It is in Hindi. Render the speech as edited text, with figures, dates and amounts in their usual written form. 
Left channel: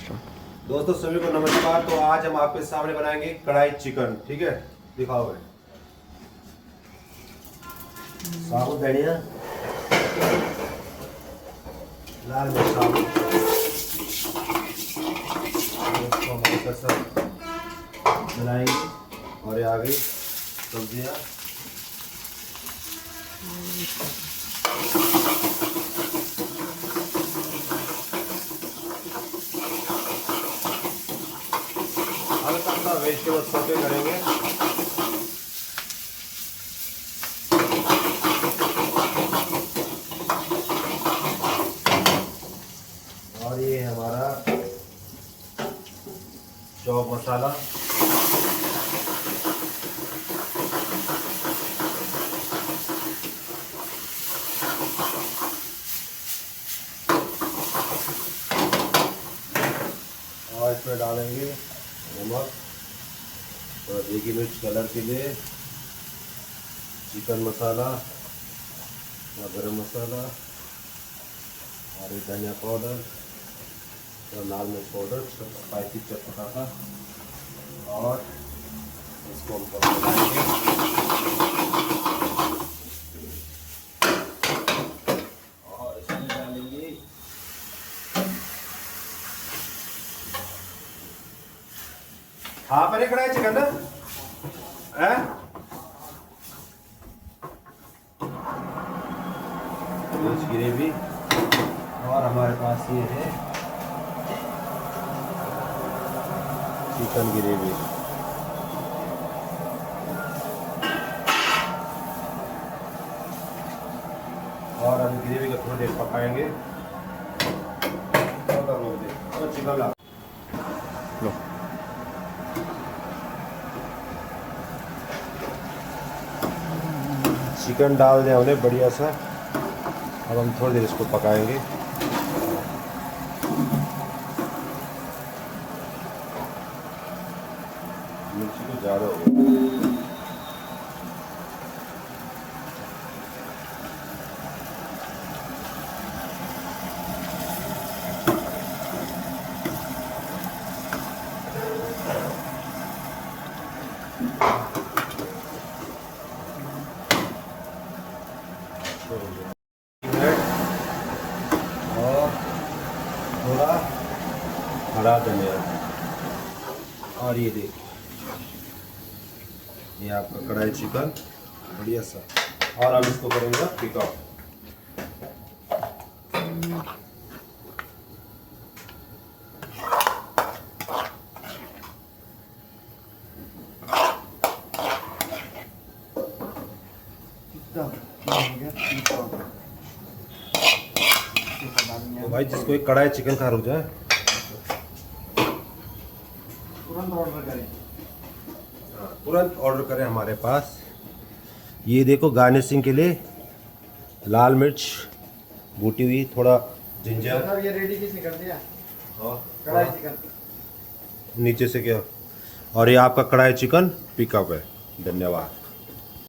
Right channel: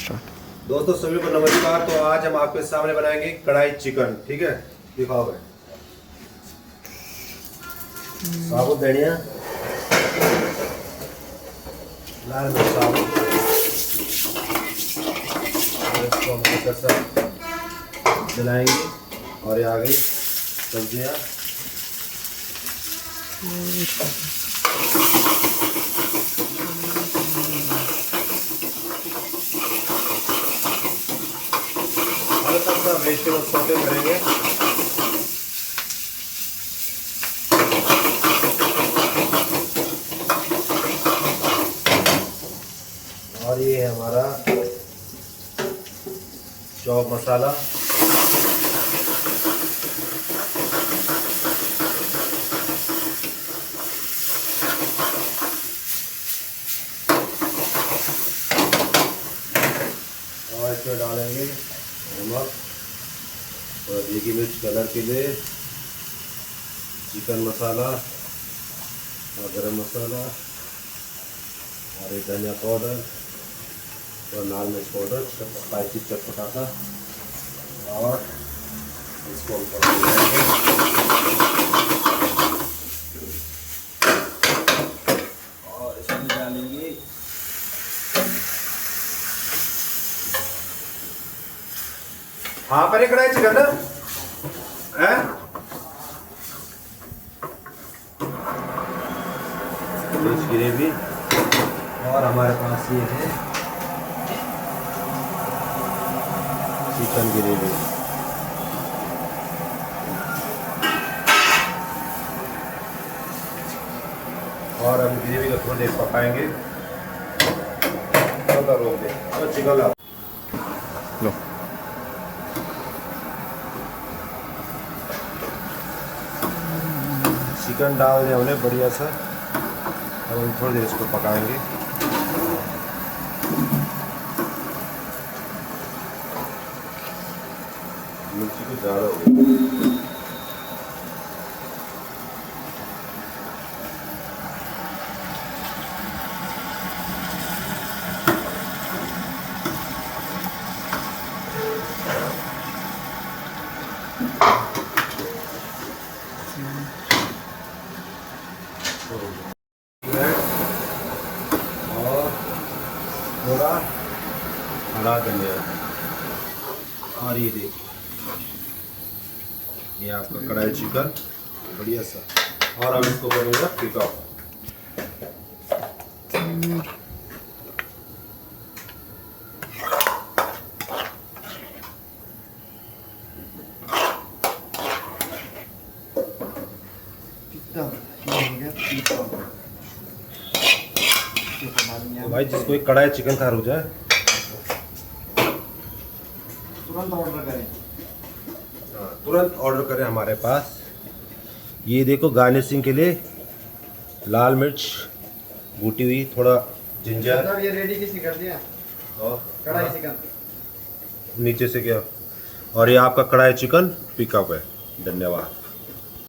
दोस्तों सभी को नमस्कार। तो आज हम आपके सामने बनाएंगे कढ़ाई चिकन। ठीक है, दिखाओ भाई। साबुत धनिया, लाल मिर्च साबुत, इसको हम हल्का सा चलाएंगे और ये आ गई सब्जियाँ। हल्का सा वेजिटेबल सौटे करेंगे। और ये है हमारा चॉप मसाला, और इसमें डालेंगे नमक और देगी मिर्च कलर के लिए, चिकन मसाला और गरम मसाला और ये धनिया पाउडर और लाल मिर्च पाउडर, सब स्पाइसी चटपटा सा। और इसको हम मिलाएंगे और इसमें डालेंगे हाँ पर एक कढ़ाई चिकन ना है मिर्च ग्रेवी। और हमारे पास ये है चिकन ग्रेवी। और हम ग्रेवी को थोड़ी देर पकाएंगे। रोक दे तो चिकन लो। चिकन डाल दें हमने बढ़िया सा। अब हम थोड़ी देर इसको पकाएंगे। मिर्ची को ज़्यादा हो गई। और थोड़ा हरा धनिया। और ये देखिए, ये आपका कढ़ाई चिकन बढ़िया सा। और अब इसको करूँगा पिकअप। तो भाई जिसको एक कढ़ाई चिकन खा हो जाए तुरंत ऑर्डर करें हमारे पास। ये देखो गार्निशिंग के लिए लाल मिर्च बूटी हुई, थोड़ा जिंजर। ये रेडी किसी कर दिया और कढ़ाई चिकन नीचे से क्या। और ये आपका कढ़ाई चिकन पिकअप है। धन्यवाद।